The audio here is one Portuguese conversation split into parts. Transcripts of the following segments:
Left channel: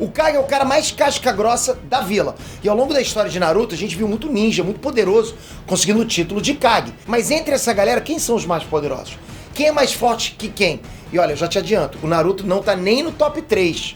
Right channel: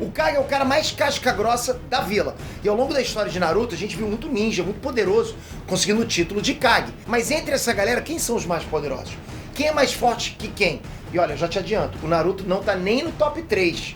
O Kage é o cara mais casca grossa da vila. E ao longo da história de Naruto, a gente viu muito ninja, muito poderoso, conseguindo o título de Kage. Mas entre essa galera, quem são os mais poderosos? Quem é mais forte que quem? E olha, eu já te adianto, o Naruto não tá nem no top 3.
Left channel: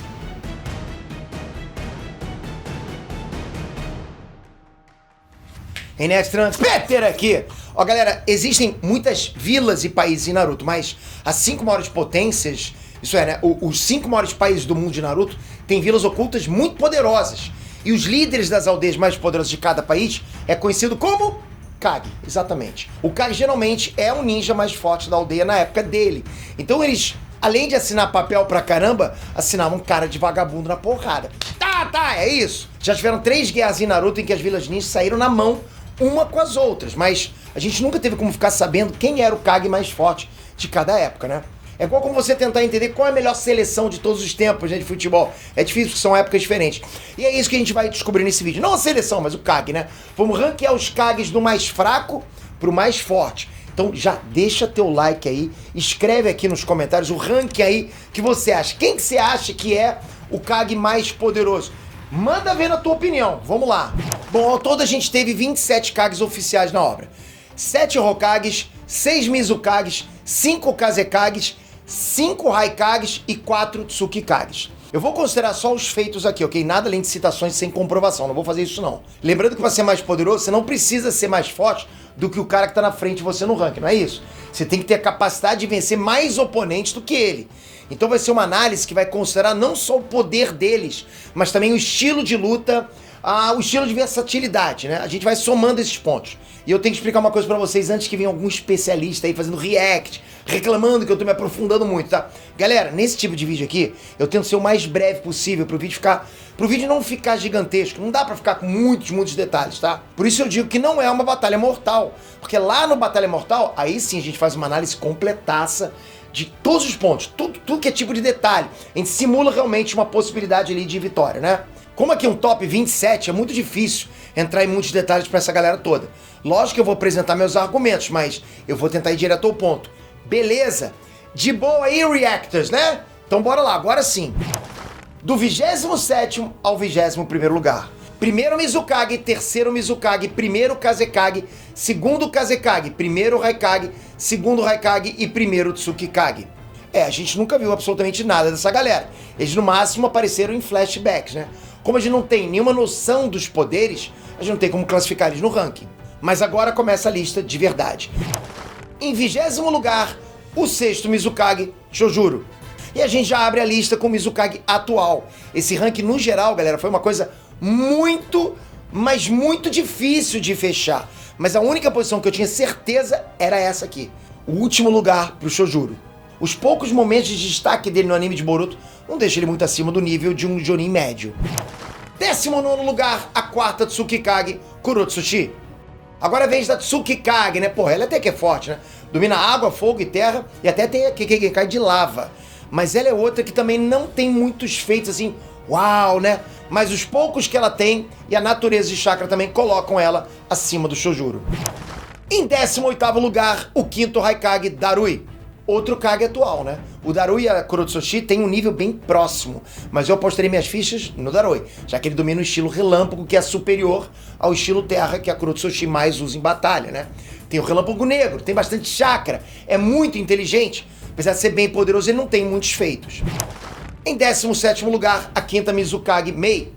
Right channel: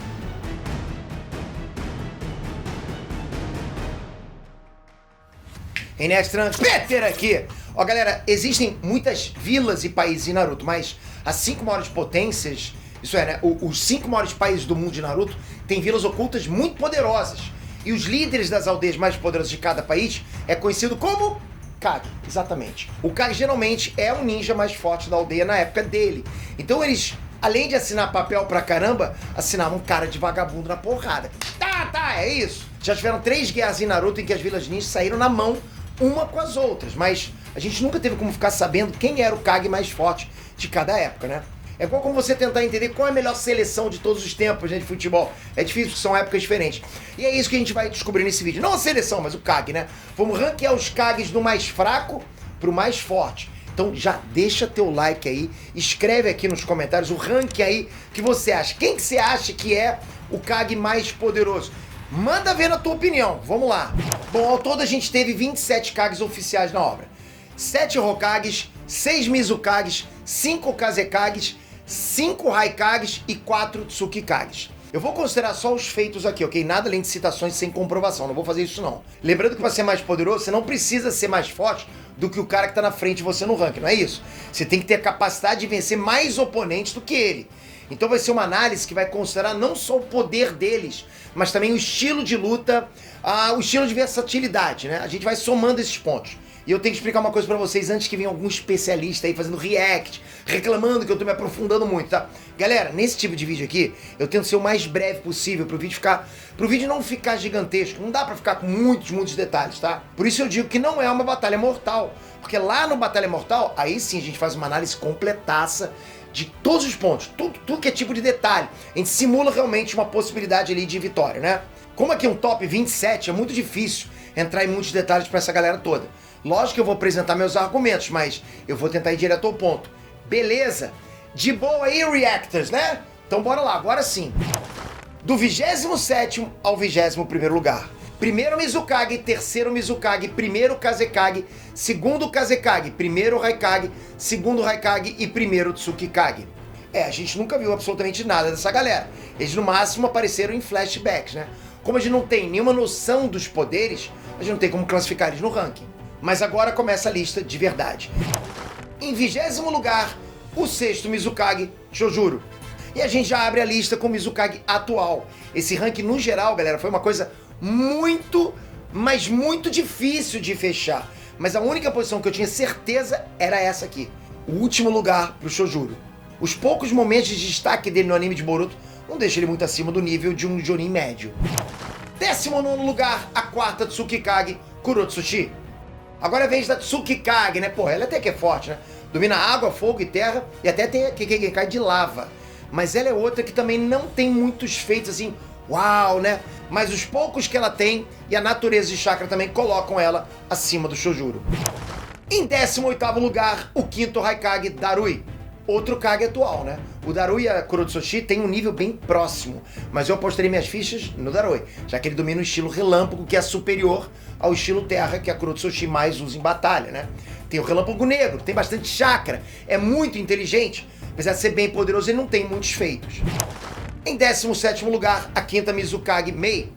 Enes Trunks, Peter aqui! Ó, galera, existem muitas vilas e países em Naruto, mas as 5 maiores potências, isso é, né, os 5 maiores países do mundo de Naruto têm vilas ocultas muito poderosas. E os líderes das aldeias mais poderosas de cada país é conhecido como Kage, exatamente. O Kage geralmente é o ninja mais forte da aldeia na época dele. Então eles, além de assinar papel pra caramba, assinavam cara de vagabundo na porrada. Tá, é isso. Já tiveram 3 guerras em Naruto em que as vilas ninjas saíram na mão uma com as outras, mas a gente nunca teve como ficar sabendo quem era o Kage mais forte de cada época, né? É igual como você tentar entender qual é a melhor seleção de todos os tempos, né, de futebol. É difícil, porque são épocas diferentes. E é isso que a gente vai descobrir nesse vídeo. Não a seleção, mas o Kage, né? Vamos ranquear os Kages do mais fraco pro mais forte. Então já deixa teu like aí, escreve aqui nos comentários o ranking aí que você acha. Quem que você acha que é o Kage mais poderoso? Manda ver na tua opinião, vamos lá. Bom, ao todo a gente teve 27 Kages oficiais na obra. 7 Hokages, 6 Mizukages, 5 Kazekages, 5 Raikages e 4 Tsukikages. Eu vou considerar só os feitos aqui, ok? Nada além de citações sem comprovação, não vou fazer isso não. Lembrando que para ser mais poderoso, você não precisa ser mais forte do que o cara que tá na frente de você no ranking, não é isso? Você tem que ter a capacidade de vencer mais oponentes do que ele. Então vai ser uma análise que vai considerar não só o poder deles, mas também o estilo de luta, o estilo de versatilidade, né? A gente vai somando esses pontos. E eu tenho que explicar uma coisa pra vocês antes que venha algum especialista aí fazendo react, reclamando que eu tô me aprofundando muito, tá? Galera, nesse tipo de vídeo aqui, eu tento ser o mais breve possível pro vídeo não ficar gigantesco. Não dá pra ficar com muitos detalhes, tá? Por isso eu digo que não é uma batalha mortal. Porque lá no Batalha Mortal, aí sim a gente faz uma análise completaça de todos os pontos, tudo que é tipo de detalhe. A gente simula realmente uma possibilidade ali de vitória, né? Como aqui um top 27, é muito difícil entrar em muitos detalhes pra essa galera toda. Lógico que eu vou apresentar meus argumentos, mas eu vou tentar ir direto ao ponto. Beleza? De boa aí, reactors, né? Então bora lá, agora sim. Do 27º ao 21º lugar. Primeiro Mizukage, terceiro Mizukage, primeiro Kazekage, segundo Kazekage, primeiro Raikage, segundo Raikage e primeiro Tsukikage. A gente nunca viu absolutamente nada dessa galera. Eles no máximo apareceram em flashbacks, né? Como a gente não tem nenhuma noção dos poderes, a gente não tem como classificar eles no ranking. Mas agora começa a lista de verdade. Em 20º lugar, o sexto Mizukage, Chojuro. E a gente já abre a lista com o Mizukage atual. Esse ranking, no geral, galera, foi uma coisa muito, mas muito difícil de fechar. Mas a única posição que eu tinha certeza era essa aqui. O último lugar pro Chojuro. Os poucos momentos de destaque dele no anime de Boruto não deixam ele muito acima do nível de um Jonin médio. 19º lugar, a quarta Tsukikage, Kurotsuchi. Agora é a vez da Tsukikage, né? Porra, ela até que é forte, né? Domina água, fogo e terra e até tem a Kekkei de lava. Mas ela é outra que também não tem muitos feitos assim, uau, né? Mas os poucos que ela tem e a natureza de chakra também colocam ela acima do Chojuro. Em 18º lugar, o quinto Raikage, Darui. Outro Kage atual, né? O Darui e a Kurotsuchi têm um nível bem próximo, mas eu apostaria minhas fichas no Darui, já que ele domina o estilo relâmpago, que é superior ao estilo terra, que a Kurotsuchi mais usa em batalha, né? Tem o relâmpago negro, tem bastante chakra, é muito inteligente, apesar de ser bem poderoso, ele não tem muitos feitos. Em 17º lugar, a quinta Mizukage, Mei.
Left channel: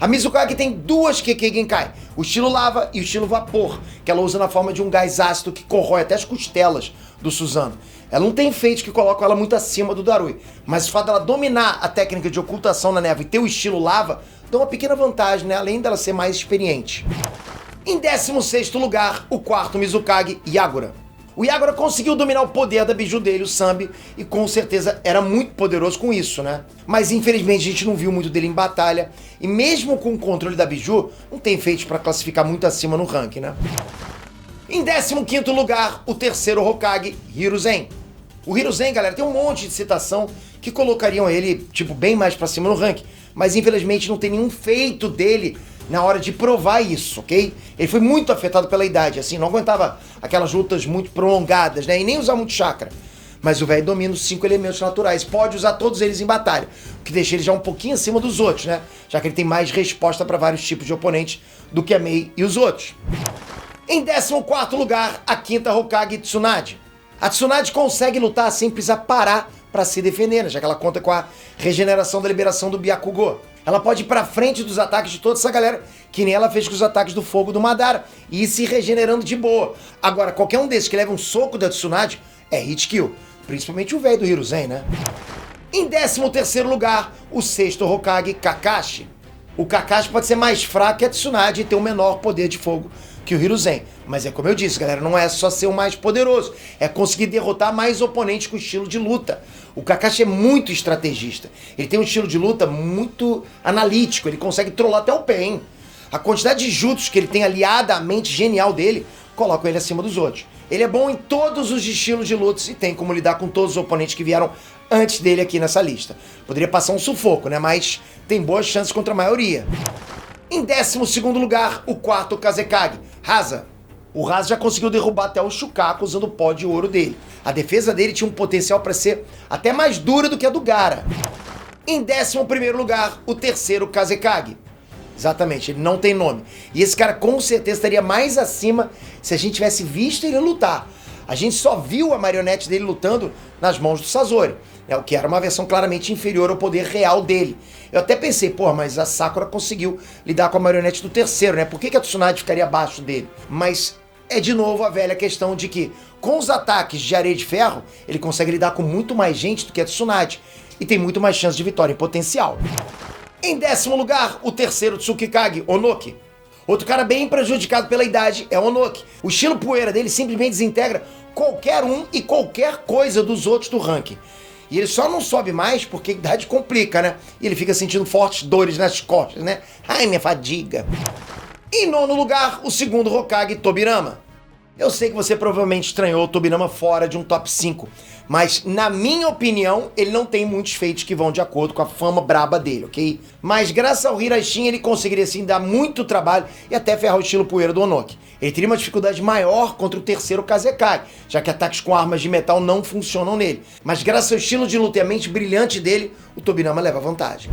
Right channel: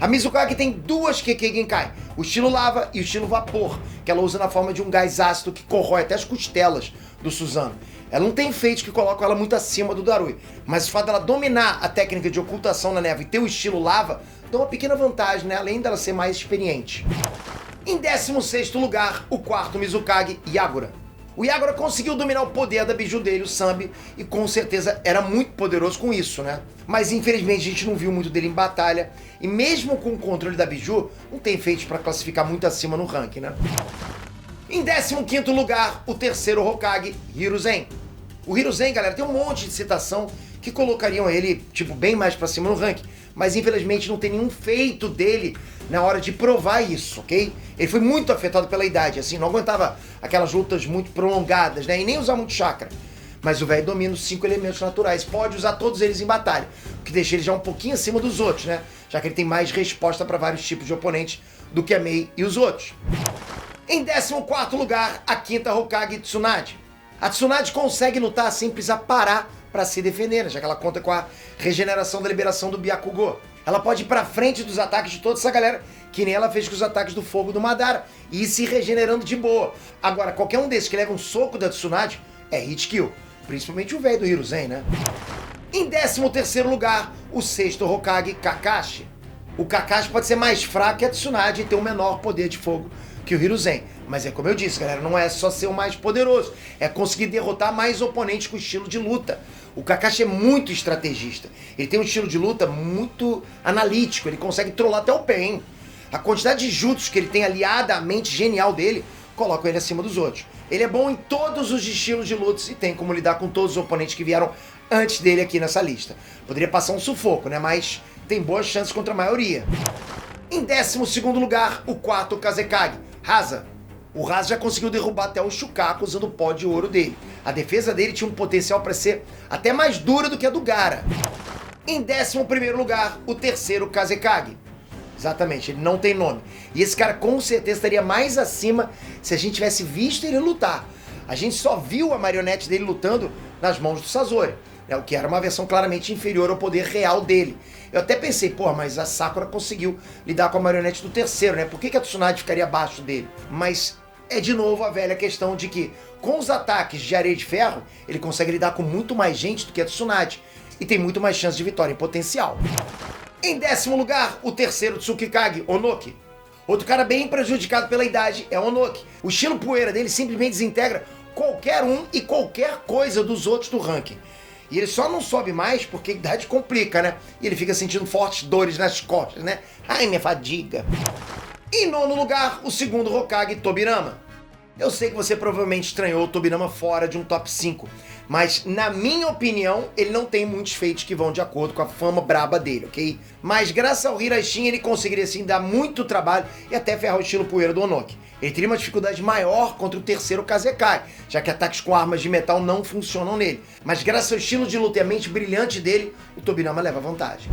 A Mizukage tem duas Kekkei Genkai, o estilo lava e o estilo vapor, que ela usa na forma de um gás ácido que corrói até as costelas do Susanoo. Ela não tem efeitos que colocam ela muito acima do Darui, mas o fato dela dominar a técnica de ocultação na névoa e ter o estilo lava, dá uma pequena vantagem, né? Além dela ser mais experiente. Em 16º lugar, o quarto Mizukage, Yagura. O Yagura conseguiu dominar o poder da biju dele, o Sambi, e com certeza era muito poderoso com isso, né? Mas infelizmente a gente não viu muito dele em batalha, e mesmo com o controle da biju, não tem feitos para classificar muito acima no ranking, né? Em 15º lugar, o terceiro Hokage, Hiruzen. O Hiruzen, galera, tem um monte de citação que colocariam ele, tipo, bem mais pra cima no ranking, mas infelizmente não tem nenhum feito dele na hora de provar isso, ok? Ele foi muito afetado pela idade, assim, não aguentava aquelas lutas muito prolongadas, né? E nem usar muito chakra. Mas o velho domina os 5 elementos naturais, pode usar todos eles em batalha, o que deixa ele já um pouquinho acima dos outros, né? Já que ele tem mais resposta para vários tipos de oponentes do que a Mei e os outros. Em 14º lugar, a quinta Hokage Tsunade. A Tsunade consegue lutar sem precisar parar para se defender, né? Já que ela conta com a regeneração da liberação do Byakugo. Ela pode ir pra frente dos ataques de toda essa galera, que nem ela fez com os ataques do fogo do Madara, e ir se regenerando de boa. Agora, qualquer um desses que leva um soco da Tsunade é hit kill. Principalmente o velho do Hiruzen, né? Em 13º lugar, o sexto Hokage, Kakashi. O Kakashi pode ser mais fraco que a Tsunade e ter um menor poder de fogo que o Hiruzen. Mas é como eu disse, galera, não é só ser o mais poderoso, é conseguir derrotar mais oponentes com estilo de luta. O Kakashi é muito estrategista. Ele tem um estilo de luta muito analítico, ele consegue trollar até o pé, hein? A quantidade de jutsus que ele tem aliada à mente genial dele coloca ele acima dos outros. Ele é bom em todos os estilos de lutas e tem como lidar com todos os oponentes que vieram antes dele aqui nessa lista. Poderia passar um sufoco, né? Mas tem boas chances contra a maioria. Em 12º lugar, o quarto Kazekage, Rasa. O Rasa já conseguiu derrubar até o Shukaku usando o pó de ouro dele. A defesa dele tinha um potencial para ser até mais dura do que a do Gaara. Em 11º lugar, o terceiro Kazekage. Exatamente, ele não tem nome. E esse cara com certeza estaria mais acima se a gente tivesse visto ele lutar. A gente só viu a marionete dele lutando nas mãos do Sasori, né, o que era uma versão claramente inferior ao poder real dele. Eu até pensei, pô, mas a Sakura conseguiu lidar com a marionete do terceiro, né? Por que a Tsunade ficaria abaixo dele? Mas é de novo a velha questão de que, com os ataques de areia de ferro, ele consegue lidar com muito mais gente do que a Tsunade. E tem muito mais chance de vitória em potencial. Em 10º lugar, o terceiro Tsukikage, Onoki. Outro cara bem prejudicado pela idade é Onoki. O estilo poeira dele simplesmente desintegra qualquer um e qualquer coisa dos outros do ranking. E ele só não sobe mais porque a idade complica, né? E ele fica sentindo fortes dores nas costas, né? Ai, minha fadiga. Em 9º lugar, o segundo Hokage, Tobirama. Eu sei que você provavelmente estranhou o Tobirama fora de um top 5, mas na minha opinião, ele não tem muitos feitos que vão de acordo com a fama braba dele, ok? Mas graças ao Hirashin, ele conseguiria assim dar muito trabalho e até ferrar o estilo poeira do Onoki. Ele teria uma dificuldade maior contra o terceiro Kazekage, já que ataques com armas de metal não funcionam nele. Mas graças ao estilo de luta e a mente brilhante dele, o Tobirama leva vantagem.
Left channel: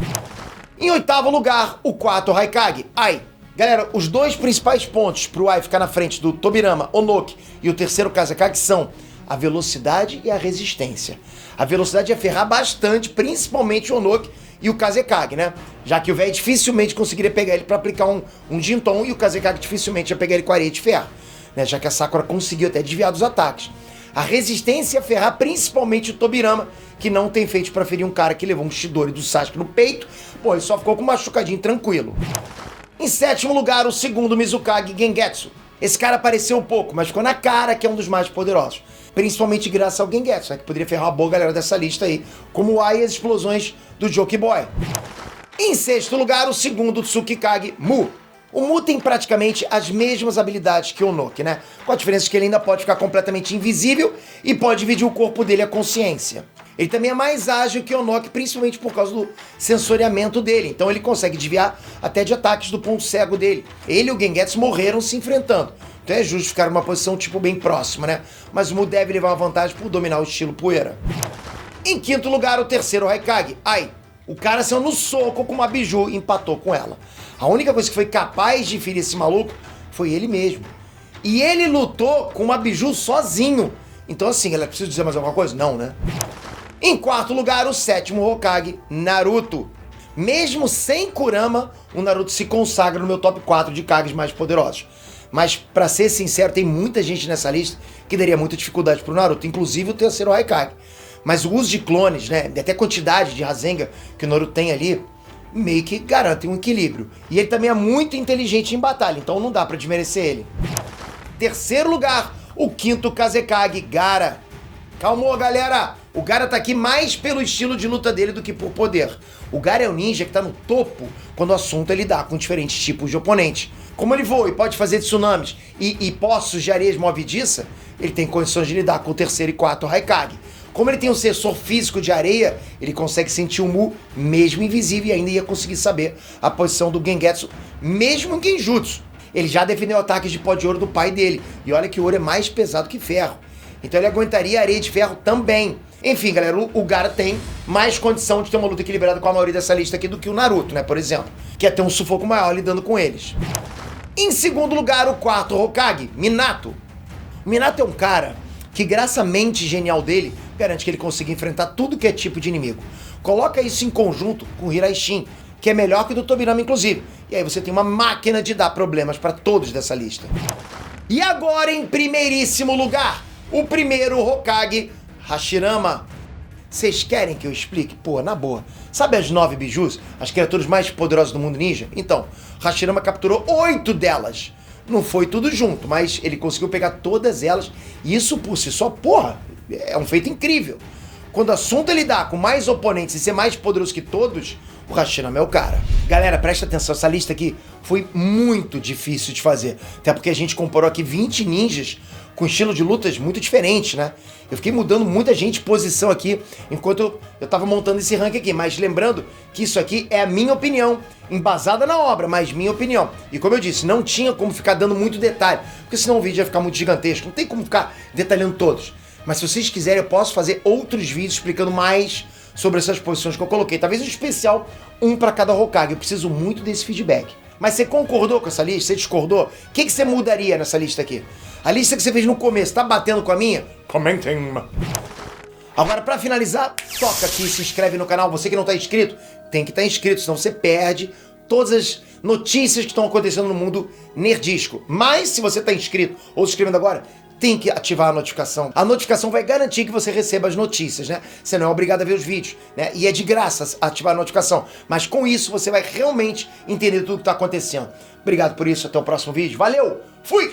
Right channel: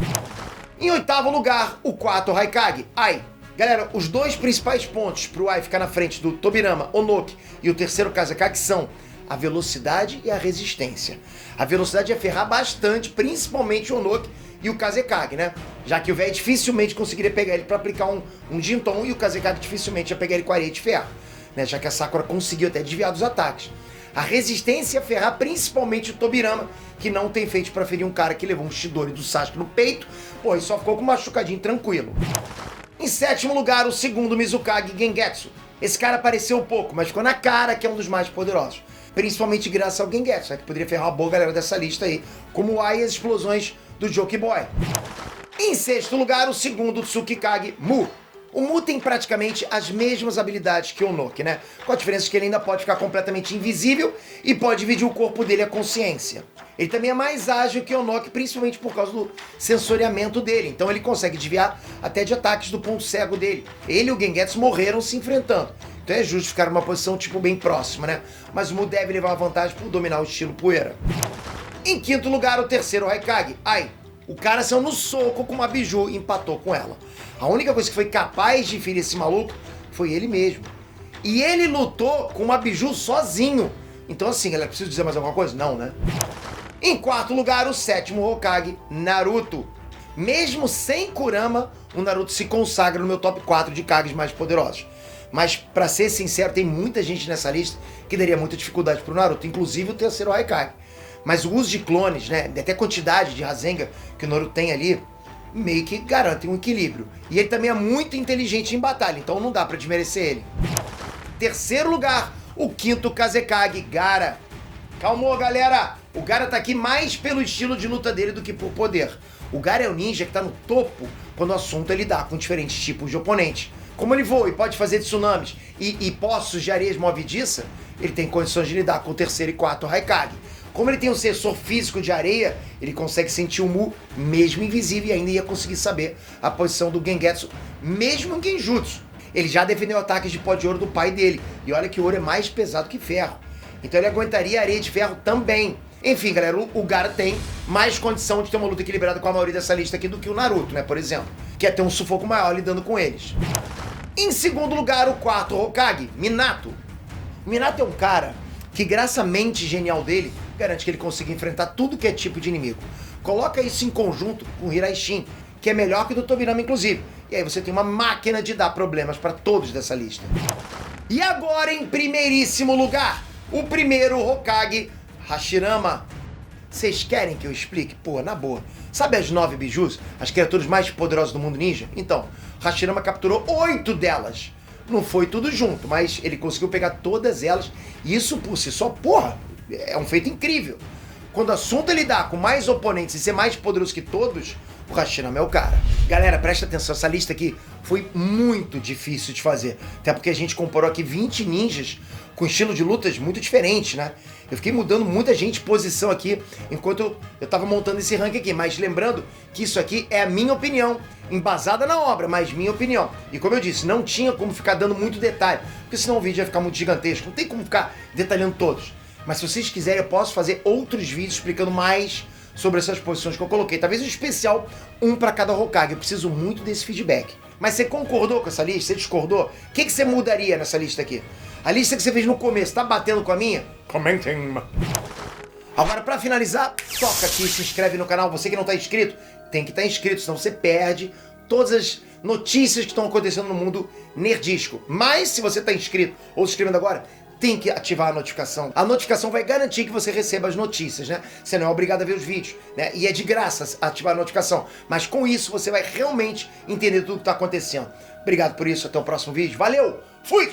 Em 8º lugar, o quarto Raikage, Ai. Galera, os dois principais pontos para o Ai ficar na frente do Tobirama, Onoki e o terceiro Kazekage são a velocidade e a resistência. A velocidade ia ferrar bastante, principalmente o Onoki e o Kazekage, né? Já que o velho dificilmente conseguiria pegar ele para aplicar um Jinton e o Kazekage dificilmente ia pegar ele com areia de ferro, né? Já que a Sakura conseguiu até desviar dos ataques. A resistência ia ferrar principalmente o Tobirama, que não tem feito para ferir um cara que levou um Chidori do Sasuke no peito, pô, e só ficou com um machucadinho tranquilo. Em 7º lugar, o segundo Mizukage, Gengetsu. Esse cara apareceu um pouco, mas ficou na cara que é um dos mais poderosos. Principalmente graças ao Gengetsu, né, que poderia ferrar uma boa galera dessa lista aí, como o Ai e as explosões do Joki Boy. Em 6º lugar, o segundo Tsukikage, Mu. O Mu tem praticamente as mesmas habilidades que o Onoki, né? Com a diferença que ele ainda pode ficar completamente invisível e pode dividir o corpo dele à consciência. Ele também é mais ágil que o Onoki, principalmente por causa do sensoriamento dele. Então ele consegue desviar até de ataques do ponto cego dele. Ele e o Gengetsu morreram se enfrentando. Então é justo ficar numa posição tipo bem próxima, né? Mas o Mu deve levar uma vantagem por dominar o estilo poeira. Em 5º lugar, o terceiro Raikage, Ai. O cara saiu no soco com uma biju e empatou com ela. A única coisa que foi capaz de ferir esse maluco foi ele mesmo. E ele lutou com uma biju sozinho. Então assim, galera, preciso dizer mais alguma coisa? Não, né? Em 4º lugar, o sétimo Hokage, Naruto. Mesmo sem Kurama, o Naruto se consagra no meu top 4 de Kages mais poderosos. Mas, pra ser sincero, tem muita gente nessa lista que daria muita dificuldade pro Naruto, inclusive o terceiro Hokage. Mas o uso de clones, né, até a quantidade de Rasengan que o Naruto tem ali, meio que garante um equilíbrio. E ele também é muito inteligente em batalha, então não dá pra desmerecer ele. 3º lugar, o quinto Kazekage, Gaara. Calma, galera! O Gaara tá aqui mais pelo estilo de luta dele do que por poder. O Gaara é o ninja que tá no topo quando o assunto é lidar com diferentes tipos de oponentes. Como ele voa e pode fazer tsunamis e poços de areias movediça, ele tem condições de lidar com o terceiro e quarto Raikage. Como ele tem um sensor físico de areia, ele consegue sentir o Mu mesmo invisível e ainda ia conseguir saber a posição do Gengetsu, mesmo em Genjutsu. Ele já defendeu ataques de pó de ouro do pai dele, e olha que o ouro é mais pesado que ferro. Então ele aguentaria a areia de ferro também. Enfim, galera, o Gaara tem mais condição de ter uma luta equilibrada com a maioria dessa lista aqui do que o Naruto, né, por exemplo. Que é ter um sufoco maior lidando com eles. Em segundo lugar, o quarto Hokage, Minato. Minato é um cara que, graças à mente genial dele, garante que ele consiga enfrentar tudo que é tipo de inimigo. Coloca isso em conjunto com o Hiraishin, que é melhor que o do Tobirama, inclusive. E aí você tem uma máquina de dar problemas para todos dessa lista. E agora, em primeiríssimo lugar, o primeiro Hokage, Hashirama. Vocês querem que eu explique? Pô, na boa. Sabe as 9 bijus? As criaturas mais poderosas do mundo ninja? Então, Hashirama capturou 8 delas. Não foi tudo junto, mas ele conseguiu pegar todas elas. E isso por si só, porra, é um feito incrível. Quando o assunto é lidar com mais oponentes e ser mais poderoso que todos, o Hashirama é o cara. Galera, presta atenção, essa lista aqui foi muito difícil de fazer. Até porque a gente comparou aqui 20 ninjas com estilo de lutas muito diferentes, né? Eu fiquei mudando muita gente de posição aqui enquanto eu tava montando esse ranking aqui. Mas lembrando que isso aqui é a minha opinião, embasada na obra, mas minha opinião. E como eu disse, não tinha como ficar dando muito detalhe, porque senão o vídeo ia ficar muito gigantesco. Não tem como ficar detalhando todos. Mas se vocês quiserem, eu posso fazer outros vídeos explicando mais sobre essas posições que eu coloquei. Talvez um especial, um para cada Hokage. Eu preciso muito desse feedback. Mas você concordou com essa lista? Você discordou? O que você mudaria nessa lista aqui? A lista que você fez no começo, tá batendo com a minha? Comentem. Agora, para finalizar, toca aqui, se inscreve no canal. Você que não tá inscrito, tem que estar inscrito, senão você perde todas as notícias que estão acontecendo no mundo nerdístico. Mas, se você tá inscrito ou se inscrevendo agora, tem que ativar a notificação. A notificação vai garantir que você receba as notícias, né? Você não é obrigado a ver os vídeos, né? E é de graça ativar a notificação. Mas com isso, você vai realmente entender tudo que tá acontecendo. Obrigado por isso, até o próximo vídeo. Valeu! Fui!